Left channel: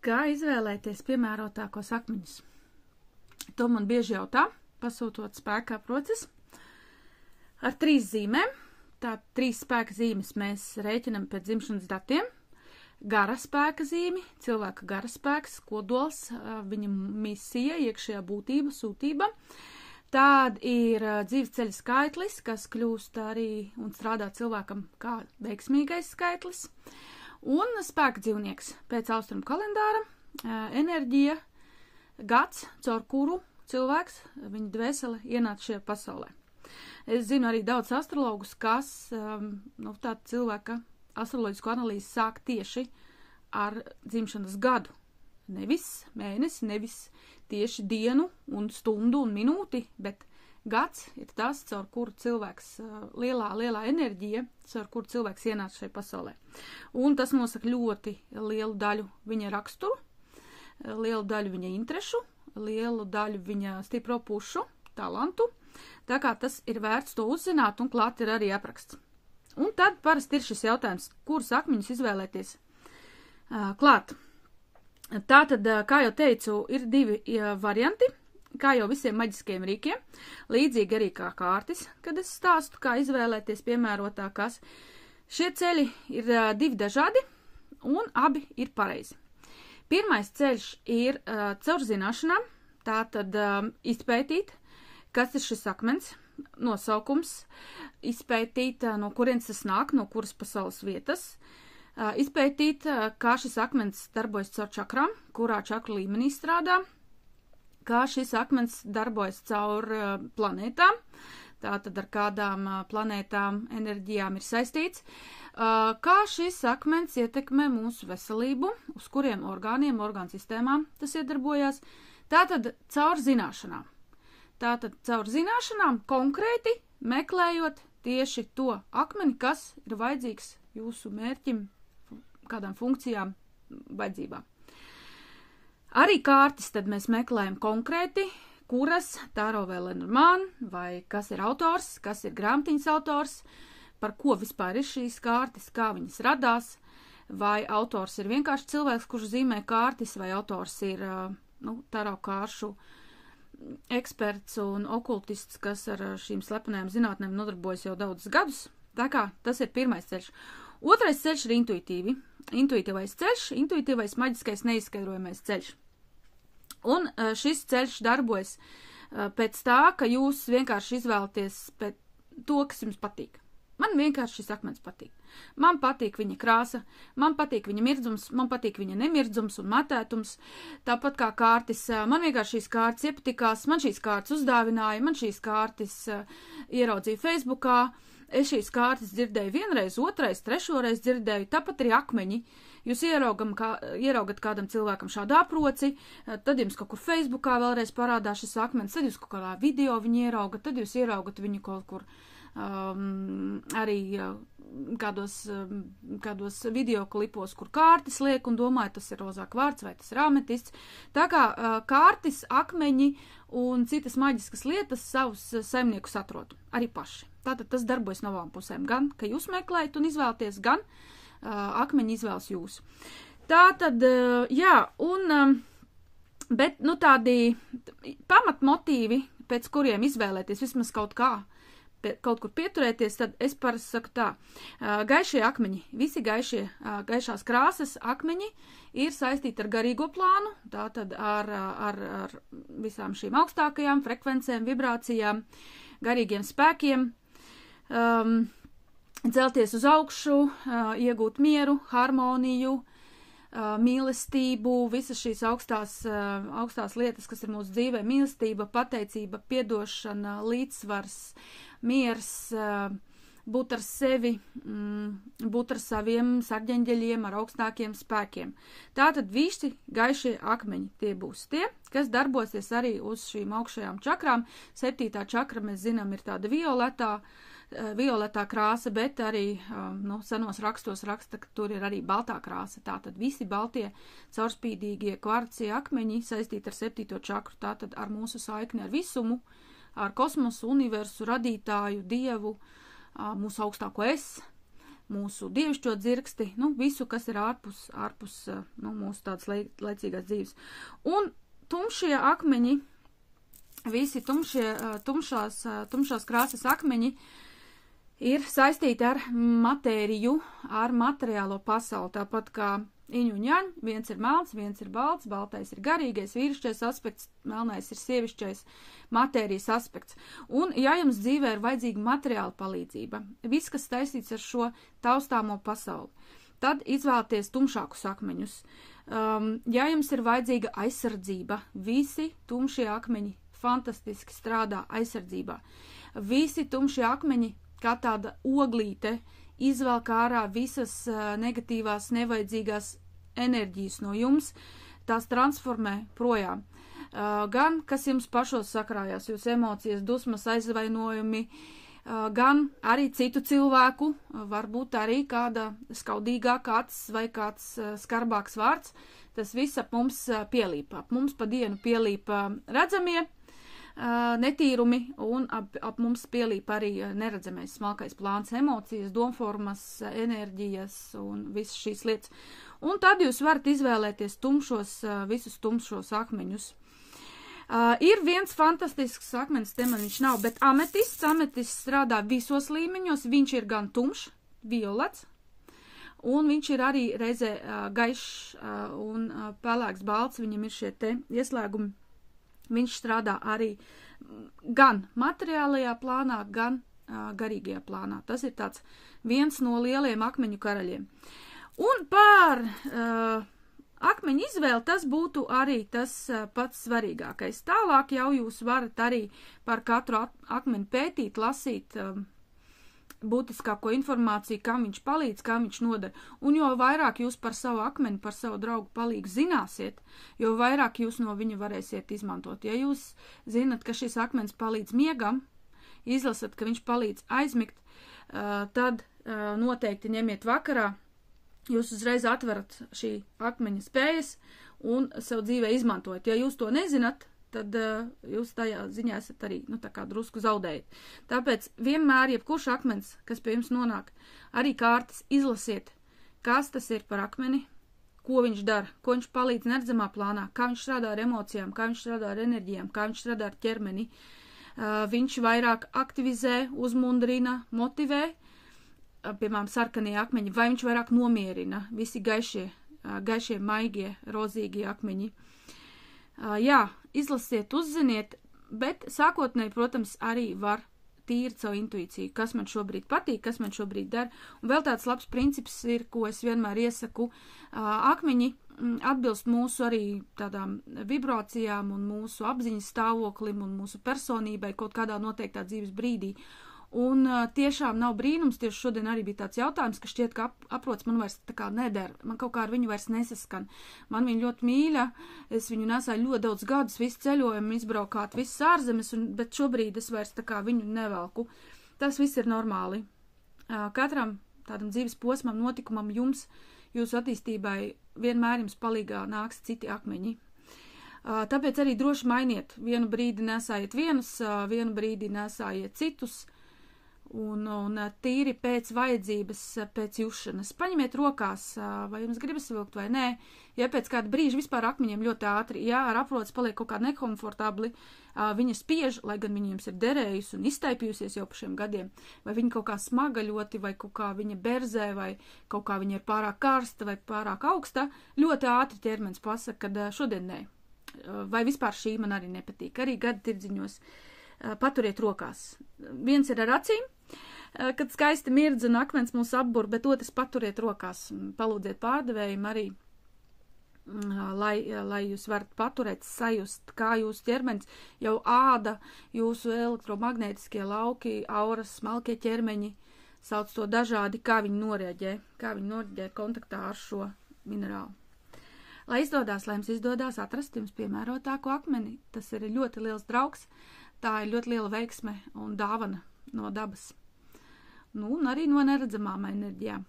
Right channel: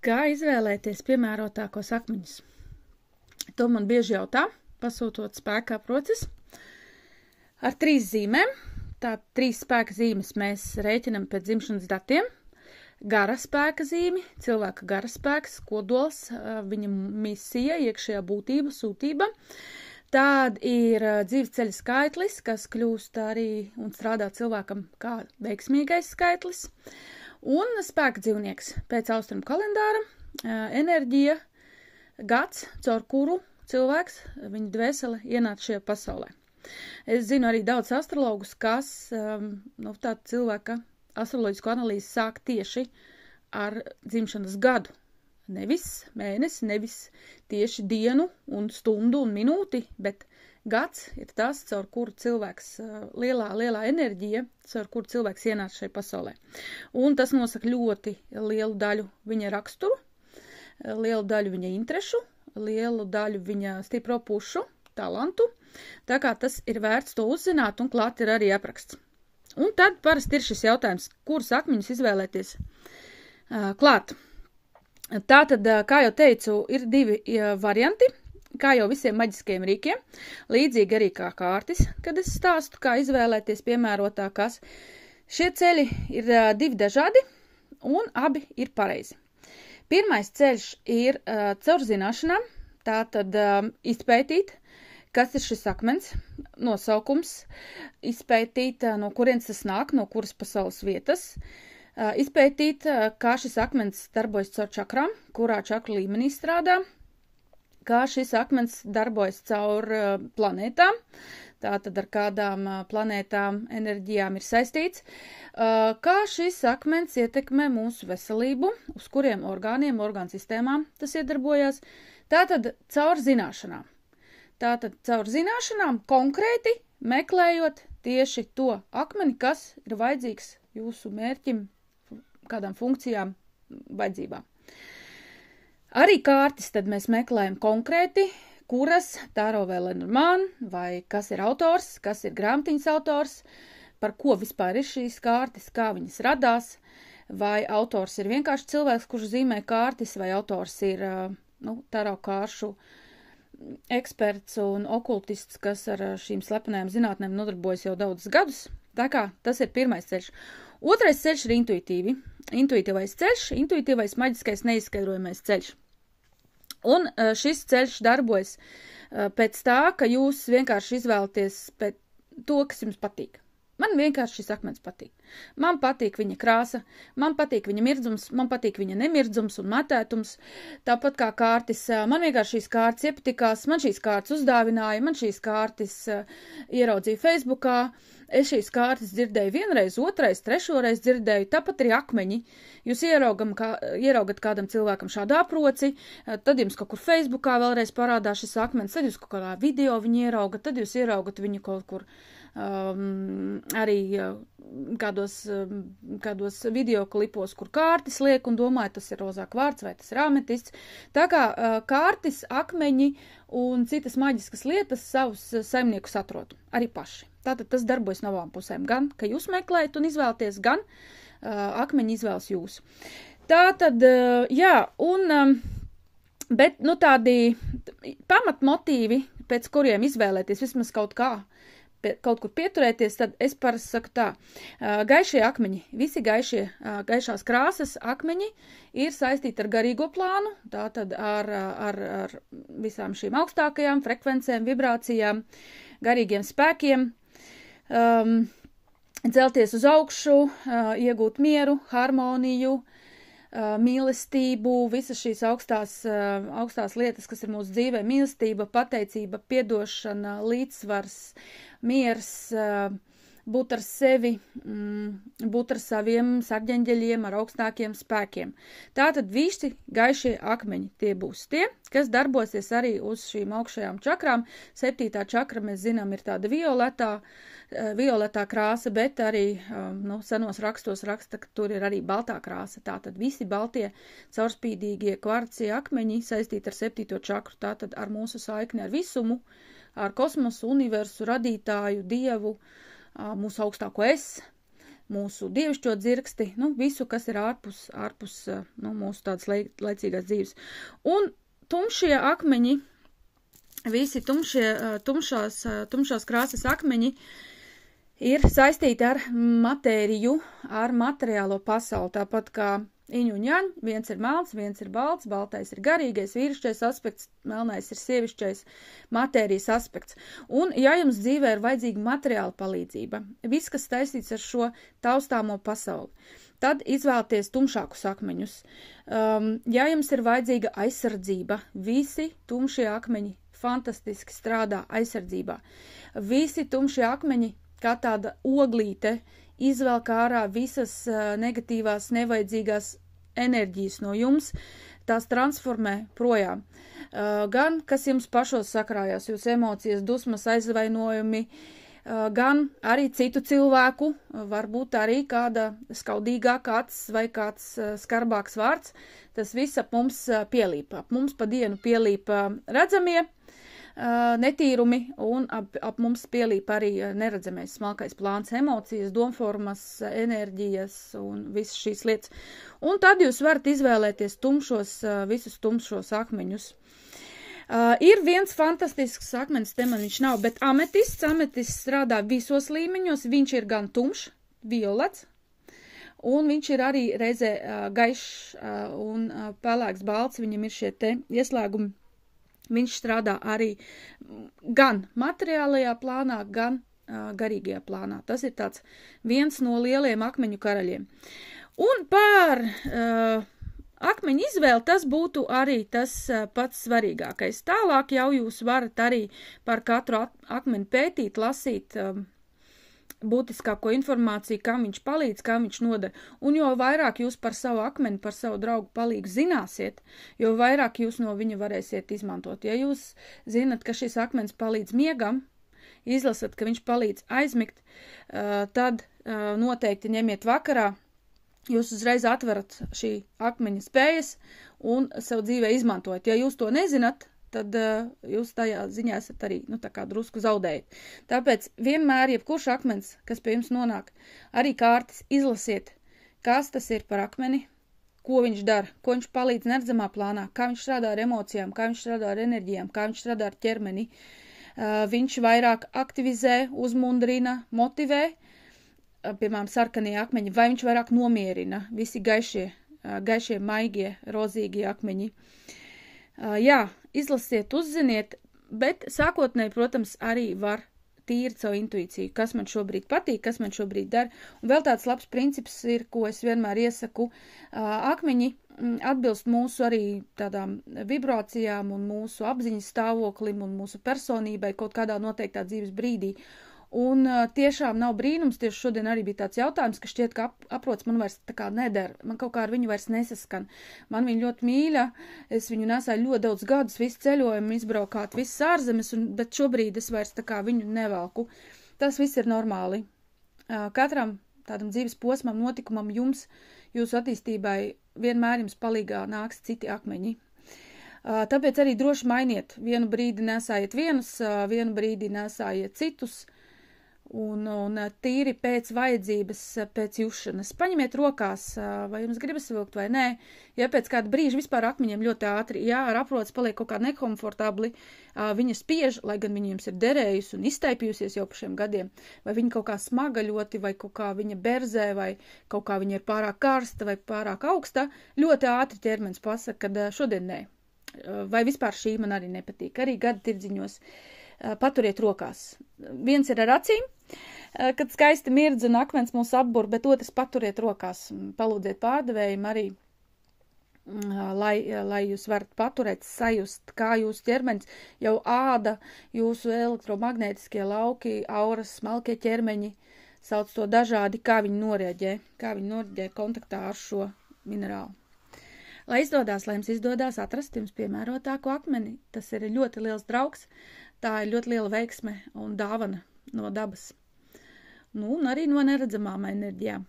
Kā izvēlēties piemērotākos akmeņus? To man bieži jautā, pasūtot spēka aproces ar 3 zīmēm. Tā 3 spēka zīmes mēs rēķinam pēc dzimšanas datiem. Gara spēka zīme, cilvēka gara spēks, kodols, viņa misija, iekšējā būtība, sūtība. Tād ir dzīves ceļa skaitlis, kas kļūst arī un strādā cilvēkam kā veiksmīgais skaitlis. Un spēka dzīvnieks pēc austrumu kalendāra, enerģija, gads, caur kuru cilvēks, viņa dvēsele ienāca šajā pasaulē. Es zinu arī daudz astrologus, kas tāda cilvēka astroloģisku analīzi sāk tieši ar dzimšanas gadu. Nevis mēnesi, nevis tieši dienu un stundu un minūti, bet gads ir tas, caur kuru cilvēks, lielā enerģija, caur kuru cilvēks ienāca šajā pasaulē. Un tas nosaka ļoti lielu daļu viņa raksturu, lielu daļu viņa interešu, lielu daļu viņa stipro pušu, talantu. Tā kā tas ir vērts to uzzināt, un klāt ir arī apraksts. Un tad parasti ir šis jautājums, kurus akmeņus izvēlēties klāt. Tātad, kā jau teicu, ir 2 varianti, kā jau visiem maģiskajiem rīkiem, līdzīgi arī kā kārtis, kad es stāstu, kā izvēlēties piemērotākās. Šie ceļi ir 2 dažādi, un abi ir pareizi. Pirmais ceļš ir caur zināšanām, tātad izpētīt, kas ir šis akmens, nosaukums, izpētīt, no kurienes tas nāk, no kuras pasaules vietas, izpētīt, kā šis akmens darbojas caur čakrām, kurā čakru līmenī strādā, kā šis akmens darbojas caur planētām, tātad ar kādām planētām enerģijām ir saistīts, kā šis akmens ietekmē mūsu veselību, uz kuriem orgāniem, orgānu sistēmām tas iedarbojās, tātad caur zināšanām. Tātad caur zināšanām konkrēti meklējot tieši to akmeni, kas ir vajadzīgs jūsu mērķim, kādām funkcijām, vajadzībām. Arī kārtis tad mēs meklējam konkrēti, kuras Tāro vai Lenormand, vai kas ir autors, kas ir grāmatiņas autors, par ko vispār ir šīs kārtis, kā viņas radās, vai autors ir vienkārši cilvēks, kurš zīmē kārtis, vai autors ir Tāro kāršu eksperts un okultists, kas ar šīm slepenajām zinātnēm nodarbojas jau daudzus gadus. Tā kā tas ir pirmais ceļš. Otrais ceļš ir intuitīvais ceļš, intuitīvais maģiskais neizskaidrojamais ceļš. Un šis ceļš darbojas pēc tā, ka jūs vienkārši izvēlaties pēc to, kas jums patīk. Man vienkārši šis akmens patīk. Man patīk viņa krāsa, man patīk viņa mirdzums, man patīk viņa nemirdzums un matētums. Tāpat kā kārtis, man vienkārši šīs kārtas iepatikās, man šīs kārtas uzdāvināja, man šīs kārtas ieraudzīja Facebookā. Es šīs kārtas dzirdēju vienreiz, otrais, trešoreiz dzirdēju, tāpat arī akmeņi. Jūs ieraugat kādam cilvēkam šādu aproci, tad jums kaut kur Facebookā vēlreiz parādās šis akmens, tad jūs kaut kādā video viņu ieraugat, tad jūs ieraugat viņu kaut kur arī kādos videoklipos, kur kārtis liek un domāju, tas ir rozā kvarts vai tas ir ametists. Tā kā kārtis, akmeņi un citas maģiskas lietas savus saimniekus atrod arī paši. Tātad tas darbojas no abām pusēm. Gan, ka jūs meklējat un izvēlaties, gan akmeņi izvēlas jūs. Tātad, jā, bet, tādi pamatmotīvi, pēc kuriem izvēlēties vismaz kaut kur pieturēties, tad es parasti saku tā. Gaišie akmeņi, visi gaišās krāsas akmeņi ir saistīti ar garīgo plānu, tātad ar visām šīm augstākajām frekvencēm, vibrācijām, garīgiem spēkiem, celties uz augšu, iegūt mieru, harmoniju, mīlestību, visas šīs augstās lietas, kas ir mūsu dzīvē, mīlestība, pateicība, piedošana, līdzsvars, miers, būt ar sevi, būt ar saviem sarģeņģeļiem, ar augstākiem spēkiem. Tātad visi gaišie akmeņi tie būs tie, kas darbosies arī uz šīm augšējām čakrām. 7. čakra, mēs zinām, ir tāda violetā krāsa, bet arī senos rakstos raksta, ka tur ir arī baltā krāsa. Tātad visi baltie caurspīdīgie kvarci akmeņi saistīti ar 7. čakru, tātad ar mūsu saikni ar visumu, ar kosmosu, universu, radītāju, dievu, mūsu augstāko es, mūsu dievišķo dzirksti, nu, visu, kas ir ārpus nu, mūsu tādas laicīgās dzīves. Un tumšie akmeņi, visi tumšās krāsas akmeņi ir saistīti ar matēriju, ar materiālo pasauli, tāpat kā iņu un jaņ, viens ir melns, viens ir balts, baltais ir garīgais, vīrišķais aspekts, melnais ir sievišķais matērijas aspekts. Un, ja jums dzīvē ir vajadzīga materiāla palīdzība, viss, kas saistīts ar šo taustāmo pasauli, tad izvēlieties tumšākus akmeņus. Ja jums ir vajadzīga aizsardzība, visi tumšie akmeņi fantastiski strādā aizsardzībā. Visi tumšie akmeņi, kā tāda oglīte, izvelk ārā visas negatīvās, nevajadzīgās enerģijas no jums, tās transformē projām. Gan, kas jums pašos sakrājās, jūs emocijas, dusmas, aizvainojumi, gan arī citu cilvēku, varbūt arī kāda skaudīgāka acis vai kāds skarbāks vārds, tas viss ap mums pielīp. Ap mums pa dienu pielīp redzamie netīrumi un ap mums pielīp arī neredzamais smalkais plāns, emocijas, domformas, enerģijas un visas šīs lietas. Un tad jūs varat izvēlēties visus tumšos akmeņus. Ir viens fantastisks akmenis, te man viņš nav, bet ametists strādā visos līmeņos, viņš ir gan tumšs, violets, un viņš ir arī reizē gaišs un pelēks balts, viņam ir šie te ieslēgumi. Viņš strādā arī gan materiālajā plānā, gan garīgajā plānā. Tas ir tāds viens no lieliem akmeņu karaļiem. Un par akmeņu izvēli tas būtu arī tas pats svarīgākais. Tālāk jau jūs varat arī par katru akmeni pētīt, lasīt būtiskāko informāciju, kam viņš palīdz, kam viņš nodara. Un jo vairāk jūs par savu akmeni, par savu draugu palīgu zināsiet, jo vairāk jūs no viņa varēsiet izmantot. Ja jūs zinat, ka šis akmens palīdz miegam, izlasat, ka viņš palīdz aizmigt, tad noteikti ņemiet vakarā, jūs uzreiz atverat šī akmeņa spējas un sev dzīvē izmantojat. Ja jūs to nezinat, tad jūs tajā ziņā esat arī, nu, tā kā drusku zaudējat. Tāpēc vienmēr, jebkurš akmens, kas pie jums nonāk, arī kārtas izlasiet, kas tas ir par akmeni, ko viņš dara, ko viņš palīdz neredzamā plānā, kā viņš strādā ar emocijām, kā viņš strādā ar enerģijām, kā viņš strādā ar ķermeni. Viņš vairāk aktivizē, uzmundrina, motivē, piemēram, sarkanie akmeņi, vai viņš vairāk nomierina, visi gaišie, maigie, rozīgie akmeņi. Jā, izlasiet, uzziniet, bet sākotnēji, protams, arī var tīri savu intuīciju, kas man šobrīd patīk, kas man šobrīd dara. Un vēl tāds labs princips ir, ko es vienmēr iesaku, akmeņi atbilst mūsu arī tādām vibrācijām un mūsu apziņas stāvoklim un mūsu personībai kaut kādā noteiktā dzīves brīdī. Un tiešām nav brīnums, tieši šodien arī bija tāds jautājums, ka šķiet, ka aprots man vairs tā kā neder, man kaut kā ar viņu vairs nesaskan. Man viņa ļoti mīļa, es viņu nesāju ļoti daudz gadus, visu ceļojumu, izbraukāt visas ārzemes, bet šobrīd es vairs tā kā viņu nevelku. Tas viss ir normāli. Katram tādam dzīves posmam, notikumam jums, jūsu attīstībai vienmēr jums palīgā nāks citi akmeņi. Tāpēc arī droši mainiet. Vienu brīdi nesājiet vienus, vienu brīdi nesājiet citus. Un tīri pēc vajadzības, pēc jušanas. Paņemiet rokās, vai jums gribas vilkt vai nē. Ja pēc kāda brīža vispār akmeņiem ļoti ātri, jā, ar aprots paliek kaut kā nekomfortabli, viņa spiež, lai gan viņa jums ir derējusi un iztaipījusies jau par šiem gadiem, vai viņa kaut kā smaga ļoti, vai kaut kā viņa berzē, vai kaut kā viņa ir pārāk karsta vai pārāk augsta, ļoti ātri ķermenis pasaka, kad šodien nē. Vai vispār šī man arī nepatīk. Arī gada tirdziņos paturiet rokās. Viens ir ar acīm, kad skaisti mirdz un akmens mūs apbur, bet otrs paturiet rokās. Palūdziet pārdevējiem arī, lai jūs varat paturēt, sajust, kā jūsu ķermenis jau āda, jūsu elektromagnētiskie lauki, auras, smalkie ķermeņi, sauc to dažādi, kā viņi noreaģē kontaktā ar šo minerālu. Lai jums izdodās atrast jums piemērotāko akmeni, tas ir ļoti liels draugs, tā ir ļoti liela veiksme un dāvana no dabas. Nu, un arī no neredzamām enerģijām.